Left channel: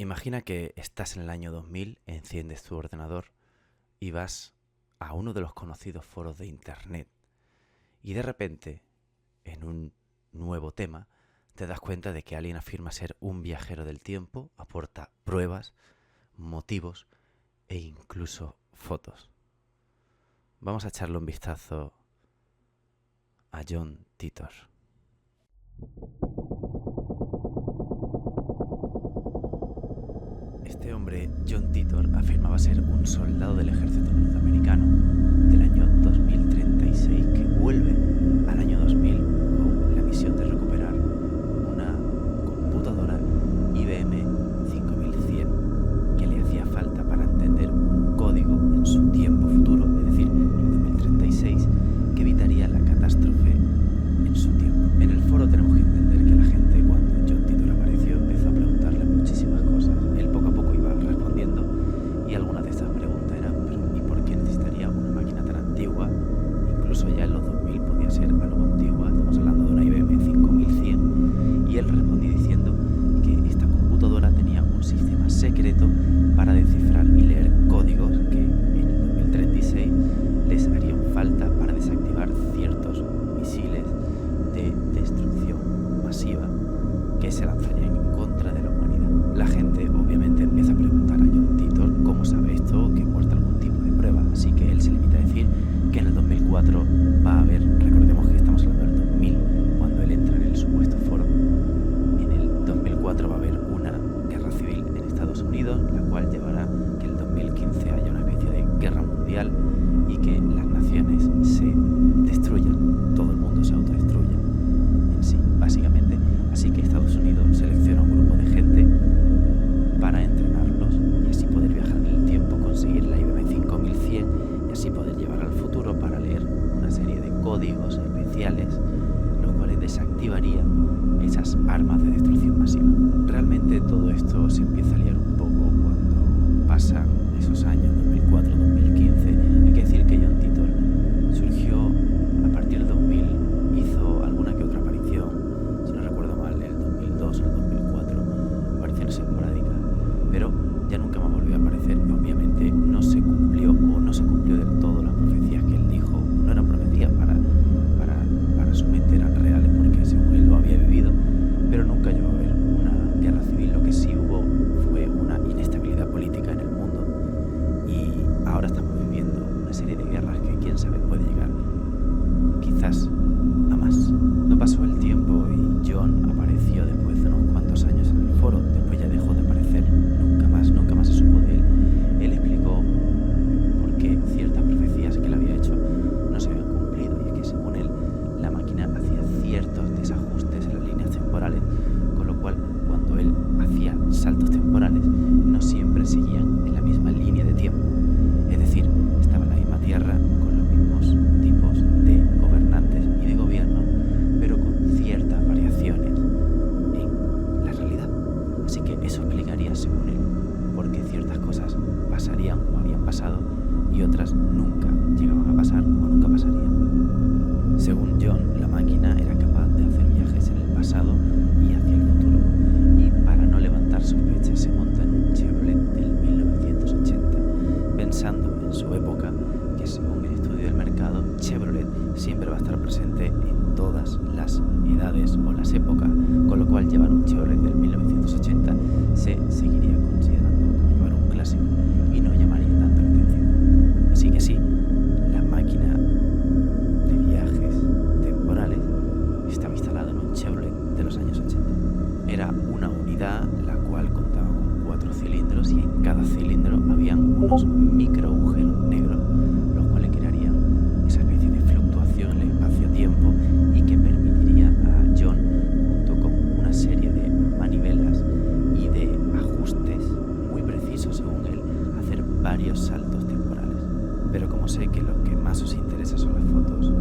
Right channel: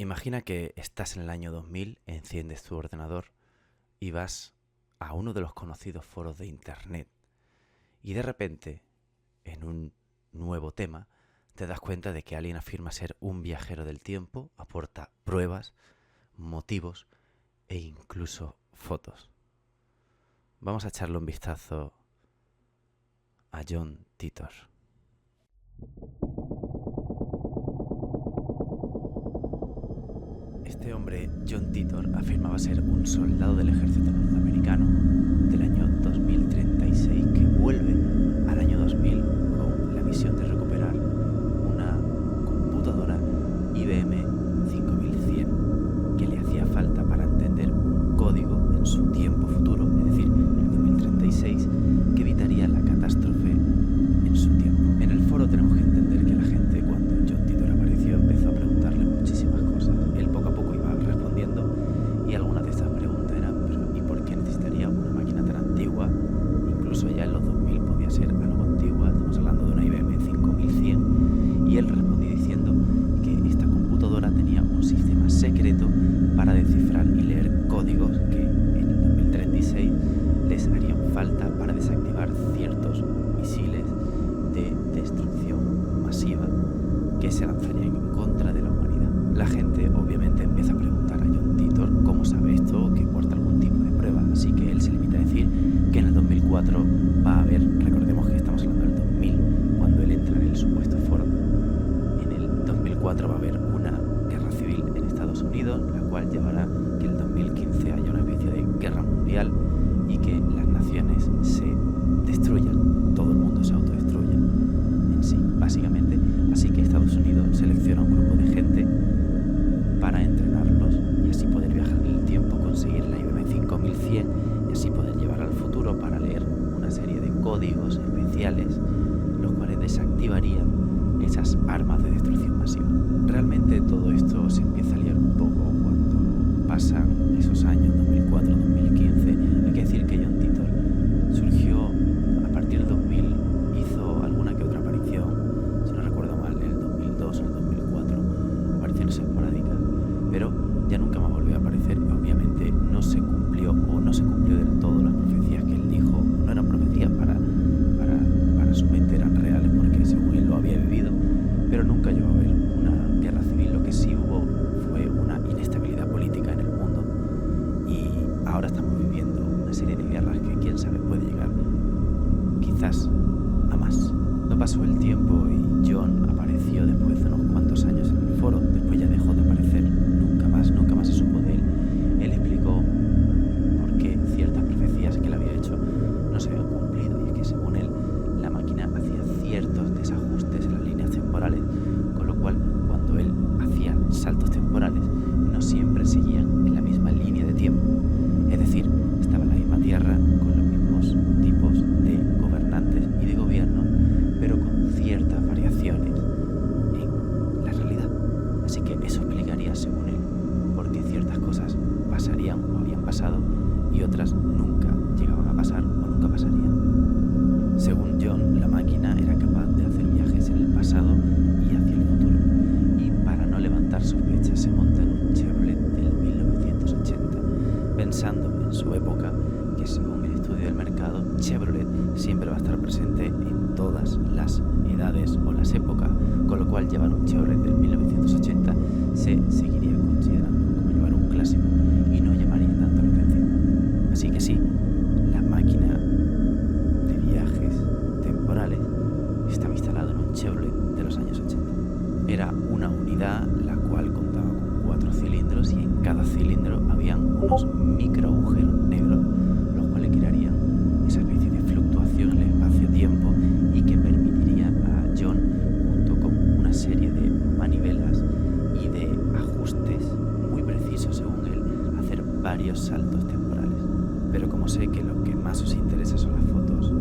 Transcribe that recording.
Imagina que estás en el año 2000, enciendes tu ordenador y vas a uno de los conocidos foros de internet y de repente, en un nuevo tema, te das cuenta de que alguien afirma ser un viajero del tiempo, aporta pruebas, motivos e incluso fotos. Vamos a echarle un vistazo a John Titor. Este hombre, John Titor, afirmaba ser un soldado del ejército norteamericano del año 2036 que vuelve al año 2000 con la misión de recuperar una computadora IBM 5100 que le hacía falta para entender un código en su tiempo futuro, es decir, en el 2036, que evitaría la catástrofe en su tiempo. En el foro tenemos que entender que la gente, cuando John Titor apareció, empezó a preguntarle muchísimas cosas. Él poco a poco iba respondiendo y algunas de estas preguntas eran: ¿pero y por qué necesitaría una máquina tan antigua? Incluso ya en los 2000 podía ser algo antigua, estamos hablando de una IBM 5100, y él respondió diciendo que esta computadora tenía un sistema secreto para descifrar y leer códigos que en el 2036 les harían falta para desactivar ciertos misiles de destrucción masiva que se lanzarían en contra de la humanidad. La gente obviamente empieza a preguntar a John Titor cómo sabe esto, que aporta algún tipo de prueba, así que él se limita a decir que en el 2004 va a haber, recordemos que estamos hablando del 2000 cuando él entra en el supuesto foro, en el 2004 va a haber una guerra civil en Estados Unidos, la cual llevará que en el 2015 haya una especie de guerra mundial y que las naciones se destruyan, todo el mundo se autodestruya en sí, básicamente. Así que Estados Unidos selecciona un grupo de gente para entrenarlos y así poder viajar en el tiempo, conseguir la IBM 5100 y así poder llevar al futuro para leer una serie de códigos especiales, los cuales desactivarían esas armas de destrucción masiva. Realmente todo esto se empieza a liar un poco cuando pasan esos años 2004-2015. Hay que decir que John Titor surgió a partir del 2000, hizo alguna que otra aparición, si no recuerdo mal, en el 2002 o el 2004, apariciones esporádicas, pero ya nunca más volvió a aparecer y obviamente no se cumplió del todo las profecías que él dijo. No eran profecías, para su mente eran reales porque según él lo había vivido, pero nunca llegó a haber una guerra civil. Lo que sí hubo fue una inestabilidad política en el mundo y ahora estamos viviendo una serie de guerras que quién sabe puede llegar quizás a más. No pasó el tiempo y John apareció después de unos cuantos años en el foro. Después ya dejó de aparecer, nunca más se supo de él. Él explicó por qué ciertas profecías que él había hecho no se habían cumplido, y es que según él la máquina hacía ciertos desajustes en las líneas temporales, con lo cual cuando él hacía saltos temporales no siempre seguían en la misma línea de tiempo, es decir, estaba en la misma Tierra con los mismos tipos de gobernantes y de gobierno, pero con ciertas variaciones en la realidad. Así que eso explicaría, según él, por qué ciertas cosas pasarían o habían pasado y otras nunca llegaban a pasar o nunca pasarían. Según John, la máquina era capaz de hacer viajes en el pasado y hacia el futuro, y para no levantar sospechas se monta en un Chevrolet del 1980, pensando en su época que, según el estudio del mercado, Chevrolet siempre va a estar presente en todas las edades o las épocas, con lo cual llevar un Chevrolet del 1980 se seguiría considerando como llevar un clásico y no llamaría tanto la atención. Así que sí, la máquina de viajes temporales estaba instalada en un Chevrolet de los años 80. Era una unidad la cual contaba con 4 cilindros y en cada cilindro habían unos micro agujeros negros, los cuales crearían esa especie de fluctuación en el espacio-tiempo y que permitiría a John, junto con una serie de manivelas y de ajustes muy precisos según él, hacer varios saltos temporales. Pero como sé que lo que más os interesa son las fotos,